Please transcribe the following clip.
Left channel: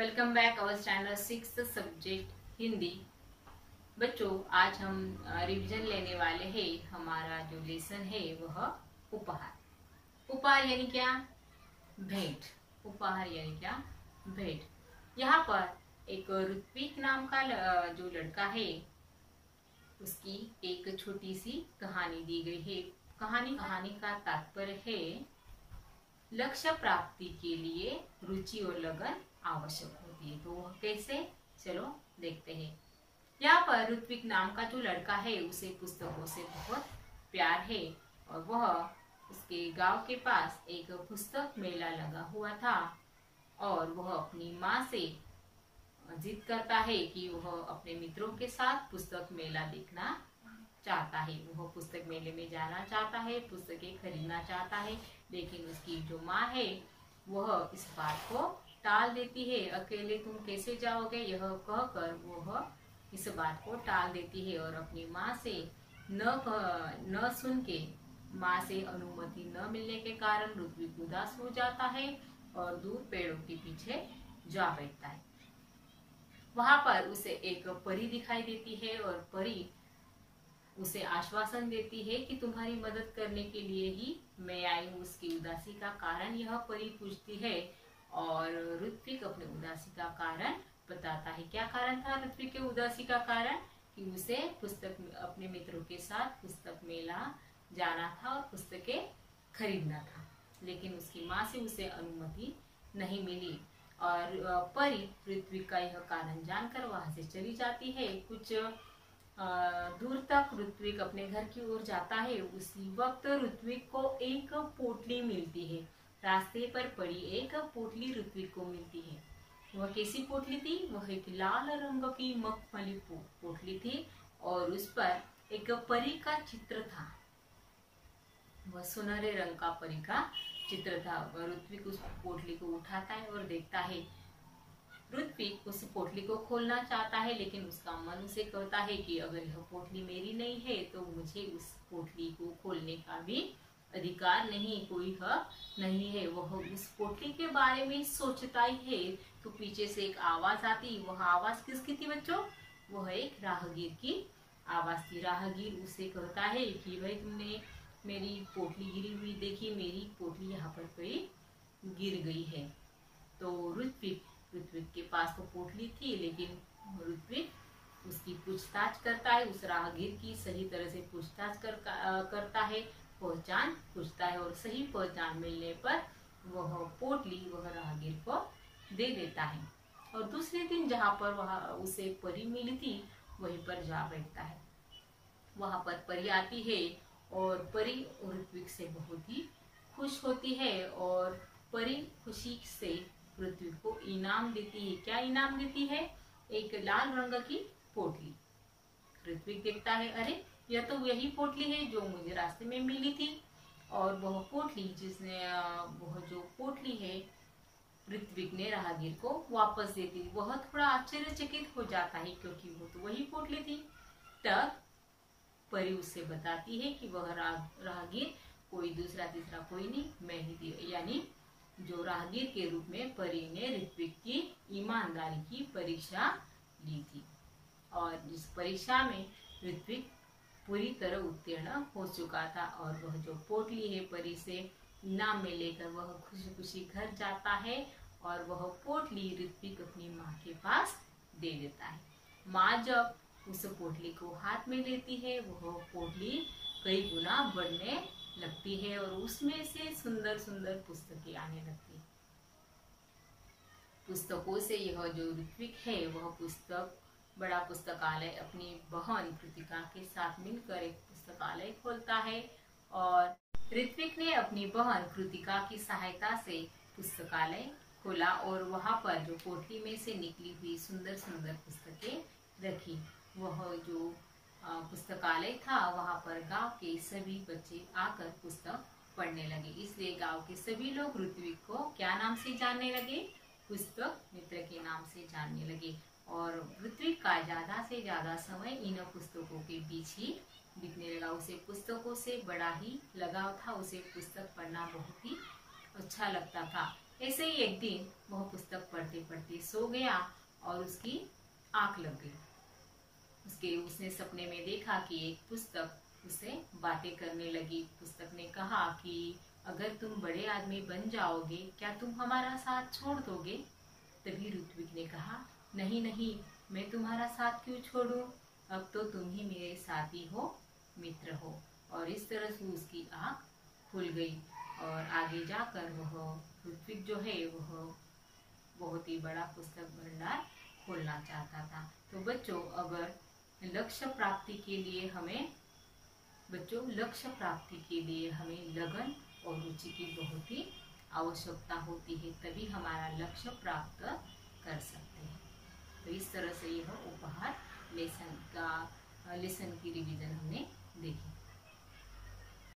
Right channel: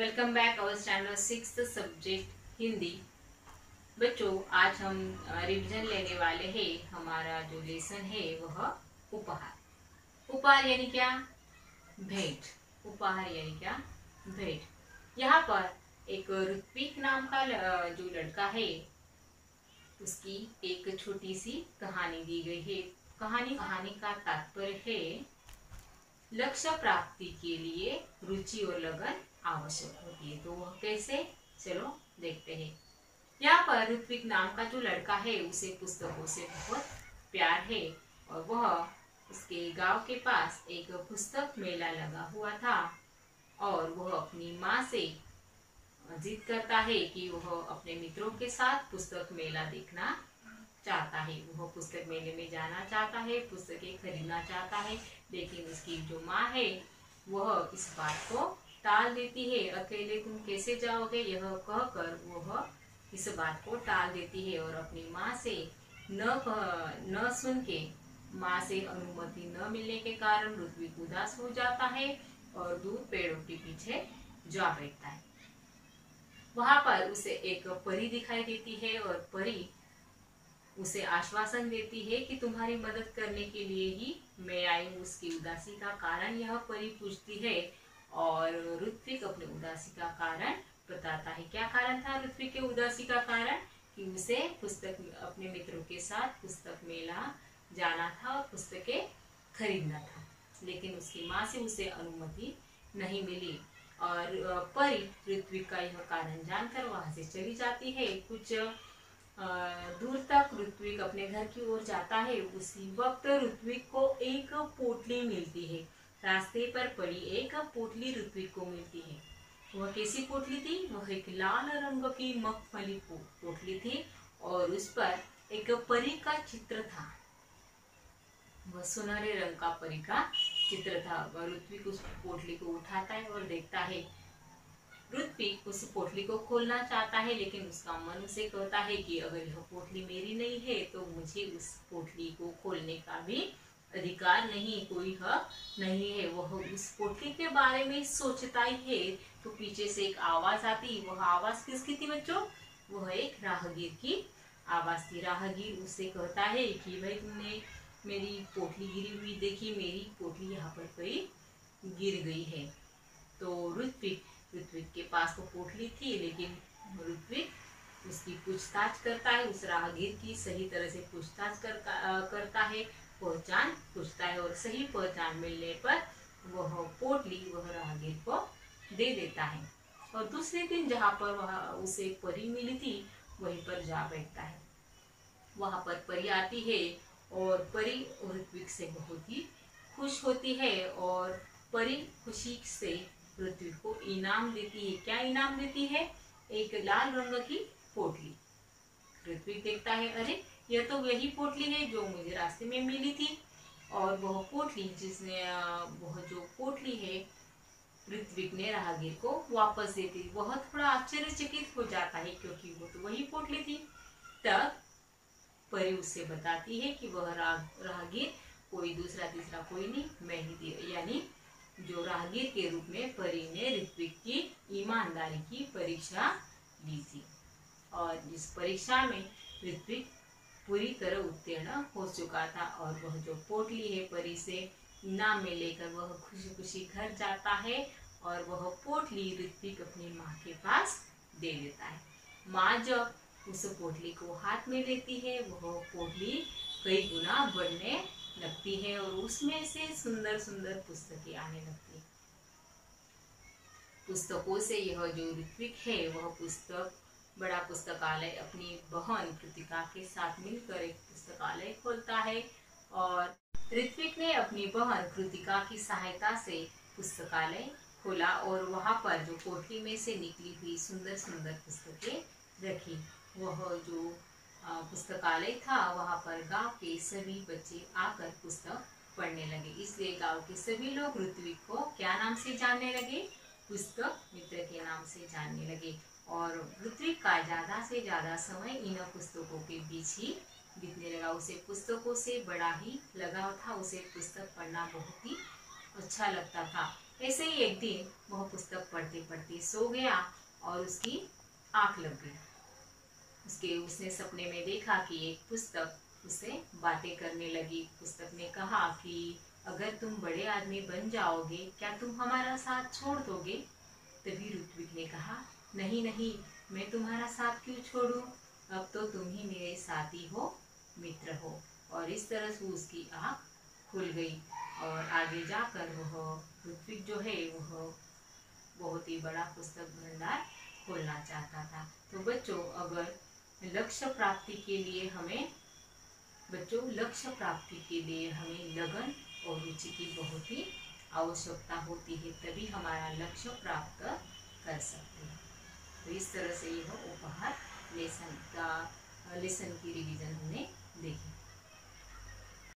Welcome back our standard 6th subject Hindi. बच्चों, आज हम रिवीजन लेने वाले हैं। हमारा जो लेसन है वह उपहार। उपहार यानी क्या? भेंट। उपहार यानी क्या? भेंट। यहाँ पर एक ऋत्विक नाम का जो लड़का है उसकी एक छोटी सी कहानी दी गई है। कहानी का तात्पर्य है लक्ष्य प्राप्ति के लिए रुचि और लगन आवश्यक होती है। तो वह कैसे, चलो देखते हैं। यहाँ पर ऋत्विक नाम का जो लड़का है उसे पुस्तकों से बहुत प्यार है और वह उसके गांव के पास एक पुस्तक मेला लगा हुआ था और वह अपनी माँ से जिद करता है कि वह अपने मित्रों के साथ पुस्तक मेला देखना चाहता है। वह पुस्तक मेले में जाना चाहता है, पुस्तकें खरीदना चाहता है, लेकिन उसकी जो माँ है वह इस बात को टाल देती है। अकेले तुम कैसे जाओगे, यह कहकर वह इस बात को टाल देती है और अपनी माँ से न सुन के, माँ से अनुमति न मिलने के कारण ऋत्विक उदास हो जाता है और दूर पेड़ों के पीछे जा बैठता है। वहां पर उसे एक परी दिखाई देती है और परी उसे आश्वासन देती है कि तुम्हारी मदद करने के लिए ही मैं आई हूँ। उसकी उदासी का कारण यह परी पूछती है और ऋत्विक अपने उदासी का कारण बताता है। क्या कारण था ऋत्विक के उदासी का कारण? कि उसे अपने मित्रों के साथ पुस्तक मेला जाना था और पुस्तकें खरीदना था, लेकिन उसकी माँ से उसे अनुमति नहीं मिली और परी ऋत्विक का यह कारण जानकर वहां से चली जाती है। कुछ दूर तक ऋत्विक अपने घर की ओर जाता है। उसी वक्त ऋत्विक को एक पोटली मिलती है। रास्ते पर पड़ी एक पोटली ऋत्विक को मिलती है। वह कैसी पोटली थी? वह एक लाल रंग की मखमली पोटली थी और उस पर एक परी का चित्र था। वह सुनहरे रंग का परी का चित्र था। ऋत्विक उस पोटली को उठाता है और देखता है। ऋत्विक उस पोटली को खोलना चाहता है, लेकिन उसका मन उसे कहता है कि अगर यह पोटली मेरी नहीं है तो मुझे उस पोटली को खोलने का भी अधिकार नहीं, कोई हक नहीं है। वह उस पोटली के बारे में सोचता ही है तो पीछे से एक आवाज आती। वह आवाज किसकी थी बच्चों? वह एक राहगीर की आवाज थी। राहगीर उसे कहता है कि भाई, तुमने मेरी पोटली गिरी हुई देखी, मेरी पोटली यहाँ पर कोई गिर गई है। तो ऋत्विक के पास तो पोटली थी, लेकिन ऋत्विक उसकी पूछताछ करता है, उस राहगीर की सही तरह से पूछताछ करता है, पहचान पूछता है और सही पहचान मिलने पर वह पोटली वह राहगीर को दे देता है और दूसरे दिन जहाँ पर वह उसे परी मिली थी वहीं पर जा बैठता है। वहां पर परी आती है और परी ऋत्विक से बहुत ही खुश होती है और परी खुशी से ऋत्विक को इनाम देती है। क्या इनाम देती है? एक लाल रंग की पोटली। ऋत्विक देखता है, अरे यह तो वही पोटली है जो मुझे रास्ते में मिली थी। और वह पोटली वह जो पोटली है ऋत्विक ने राहगीर को वापस दे दी। वह थोड़ा आश्चर्यचकित हो जाता है क्योंकि वो तो वही पोटली थी। तब परी उससे बताती है कि वह राहगीर कोई दूसरा तीसरा कोई नहीं, मैं ही थी। यानी जो राहगीर के रूप में परी ने ऋत्विक की ईमानदारी की परीक्षा ली थी और जिस परीक्षा में ऋत्विक पूरी तरह उत्तीर्ण हो चुका था और वह जो पोटली है परी से इनाम में लेकर वह खुशी खुशी घर जाता है और वह पोटली ऋत्विक अपनी माँ के पास दे देता है। माँ जब उस पोटली को हाथ में लेती है, वह पोटली कई गुना बढ़ने लगती है और उसमें से सुंदर सुंदर पुस्तकें आने लगती है। पुस्तकों से यह जो ऋत्विक है वह बड़ा पुस्तकालय अपनी बहन कृतिका के साथ मिलकर एक पुस्तकालय खोलता है और ऋत्विक ने अपनी बहन कृतिका की सहायता से पुस्तकालय खोला और वहां पर जो पोटली में से निकली हुई सुंदर सुंदर पुस्तकें रखी। वह जो पुस्तकालय था वहां पर गांव के सभी बच्चे आकर पुस्तक पढ़ने लगे, इसलिए गांव के सभी लोग ऋत्विक को क्या नाम से जानने लगे? पुस्तक मित्र के नाम से जानने लगे और ऋत्विक का ज्यादा से ज्यादा समय इन पुस्तकों के बीच ही बीतने लगा। उसे पुस्तकों से बड़ा ही लगाव था, उसे पुस्तक पढ़ना बहुत ही अच्छा लगता था। ऐसे ही एक दिन वह पुस्तक पढ़ते पढ़ते सो गया और उसकी आंख लग गई। उसने सपने में देखा कि एक पुस्तक उससे बातें करने लगी। पुस्तक ने कहा कि अगर तुम बड़े आदमी बन जाओगे क्या तुम हमारा साथ छोड़ दोगे? तभी ऋत्विक ने कहा, नहीं नहीं, मैं तुम्हारा साथ क्यों छोड़ूं? अब तो तुम ही मेरे साथी हो, मित्र हो। और इस तरह से उसकी आंख खुल गई और आगे जाकर वह ऋत्विक जो है वह बहुत ही बड़ा पुस्तक भंडार खोलना चाहता था। तो बच्चों, अगर लक्ष्य प्राप्ति के लिए हमें लगन और रुचि की बहुत ही आवश्यकता होती है, तभी हमारा लक्ष्य प्राप्त कर सकते हैं। तो इस तरह से यह उपहार लेसन की रिवीजन हमने देखी।